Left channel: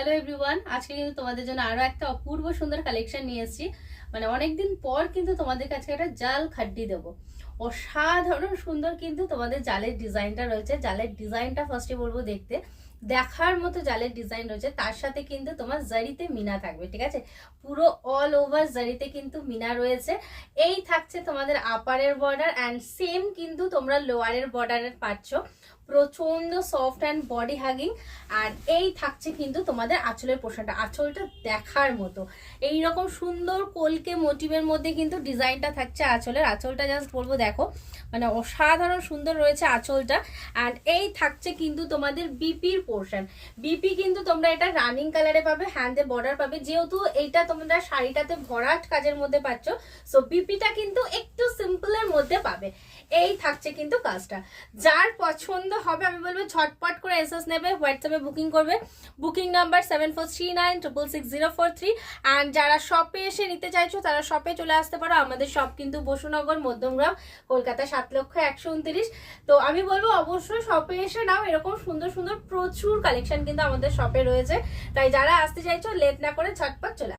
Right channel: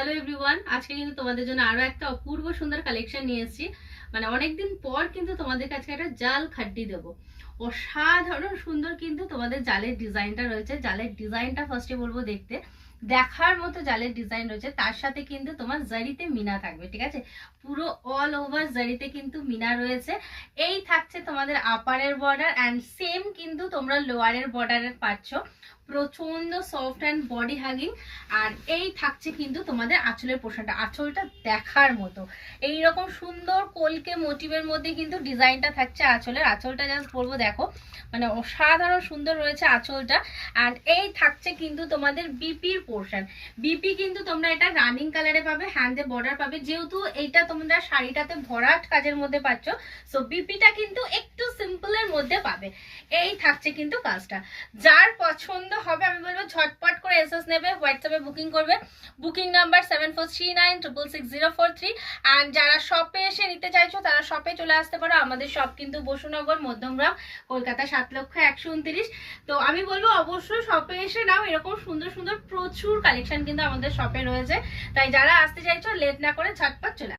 Hello everyone, আজকে কিন্তু তোমাদের জন্য আরো একটা অপূর্ব সুন্দর কালেকশন নিয়ে এসেছি। মানে অনেকদিন পর কিন্তু তোমাদের কাছে একটা জাল খাড্ডি দেবো। অসাধারণ সুন্দর কিন্তু তোমাদের জালের ডিজাইনটা রয়েছে। জালের ডিজাইনটা ফার্স্টে বলবো দেখতে দেখার মতো জালের ডিজাইন রয়েছে। তার সাথে কিন্তু তোমার জারিতে মিনা থাকবে, ঠিক আছে? পুরো অল ওভার জারিতে কিন্তু মিনা রয়েছে। এই থাকছে তোমাদের আপারের বর্ডার অ্যান্ড সেম কিন্তু তোমরা লোয়ারের বর্ডারের পাচ্ছ। প্রচন্ড সফট অ্যান্ড বডি হাগিং। আর এই থাকছে কিন্তু তোমাদের আঁচলের পোর্শনটা, আঁচলটা দেখার মতো এইরকম সুন্দর কলকে মোটিভের মধ্যে কিন্তু ডিজাইনটা থাকছে। আঁচলটা জাস্ট বলবো দেখো, মানে অসাধারণ সুন্দর রয়েছে আঁচলটা। অ্যান্ড এই থাকছে কিন্তু তোমাদের বিপির পোর্শন। বিপি কিন্তু তোমরা এটা রানিং কালারে পাবে, হ্যান্ডে বর্ডার পাবে, যেহেতু এইটা তোমরা শাড়িটাতে ভরাট কাজের মধ্যে পাচ্ছ। সো বিপিটা কিন্তু একটু সিম্পলের মধ্যে পাবে। এই থাকছে কিন্তু কাজটা। যার পছন্দ হবে আমি বলবো ঝটপট করে এসএস নেবে, হোয়াটসঅ্যাপে বুকিং করবে। Booking number 7439666043। অ্যান্ড যারা শপে এসে নিতে চাইছো তারা শপে চলে আসতে পারো। আমাদের শপ কিন্তু বসুনগর, মধ্যমগ্রাম, কলকাতা 7,129,000। তো আমি বলবো অবশ্যই শপে এসে নাও, এরকম সুন্দর সুন্দর প্রচুর কালেকশন কিন্তু আমাদের শপে রয়েছে। তাই যারা আসতে চাইছো লেট না করে ঝটপট চলে